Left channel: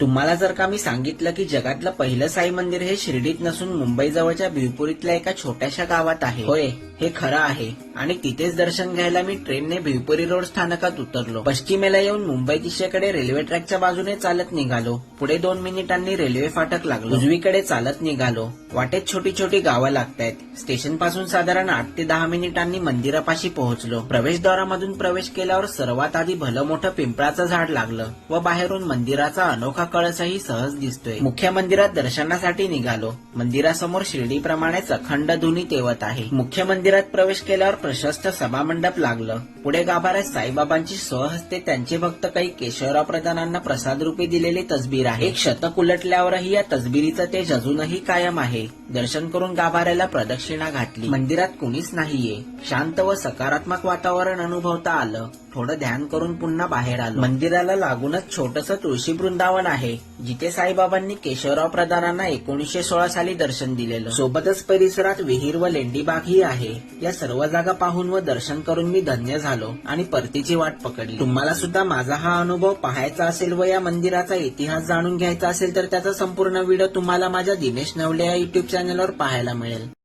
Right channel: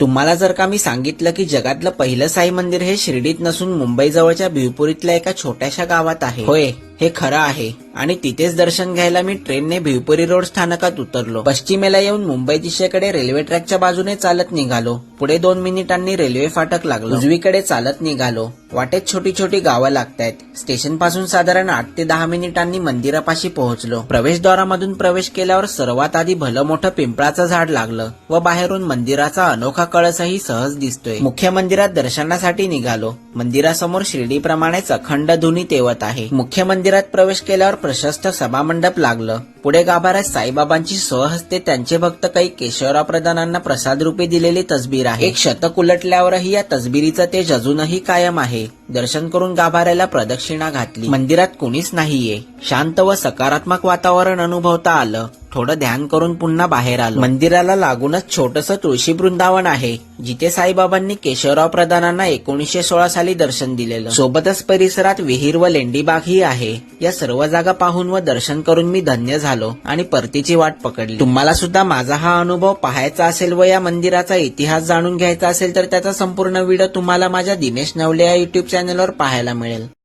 तुम्हाला जर का मी सांगितलं की जगातलं पहिलं साई मंदिर हे शिर्डीत नसून मुंबई जवळच्या भिवपुरीतल्या एका छोट्याशा गावात आहे. होय. हे खरं आहे. आणि तिथेच दर्शन घ्यायला मी ट्रेनने भिवपुरी रोड स्थानकात उतरलो. पश्चिमेला येऊन मुंबई दिशेकडे रेल्वे ट्रॅकच्या बाजूने चालत निघालो. पुढे दोन मिनिटांनी रेल्वे फाटक लागलो. उजवीकडे चालत निघालो. वाटेत छोटी छोटी गावं लागतायत. स्टेशनपासून साधारण आठ ते दहा मिनिटांनी मंदिरापाशी पोहोचलो. प्रवेशद्वारामधून प्रवेश केल्यावर सर्वात आधी भलं मोठं पिंपळाचं झाड लागलं व बाहेरून मंदिराचा अनोखा कळसही सहज दिसतोय. मुख्य मंदिरात दर्शनासाठी निघालो. मंदिरासमोर शिर्डीप्रमाणेच अखंड धुनी तेवत आहे. मुख्य मंदिर मंदिरात प्रवेश केल्यावर प्रशस्त सभामंडप लागलं. पुढे गाभाऱ्यात साईबाबांची सहहस्ते त्यांचे भक्त काही केशवराव प्रधानांना प्रसाद रूपे दिलेली तसबीर आहे. एक शतक उलटल्यावरही या तसबिरीचं तेज अजूनही कायम आहे. दर्शन करून गाभाऱ्याला प्रदक्षिणा घातली. मंदिरात कुणीच नाहीये. शांत व सकारात्मक वातावरण अनुभवता आलं. थोडं ध्यान करून पुन्हा बाहेर आलो. मंदिराला लागूनच छोटस तुळशी वृंदावन आहे जिथे साईबाबांनी केशवराव प्रधानांना एकोणीसशे सोळा साली दर्शन दिलेलं. सोबतच परिसरात विहीर व लेंडीबागही आहे. या सर्व जागा पाहून व दर्शन करून मी धन्य झालो. आणि परतीची वाट पकडली. तुम्हाला सुद्धा माझा हा अनुभव पाहायचा असेल व या मंदिराचा इतिहास जाणून घ्यायचा असेल तर त्याचा संपूर्ण व्हिडिओ तुम्हाला माझ्या दिमेश नवले या युट्यूब चॅनलवर पाहायला मिळेल.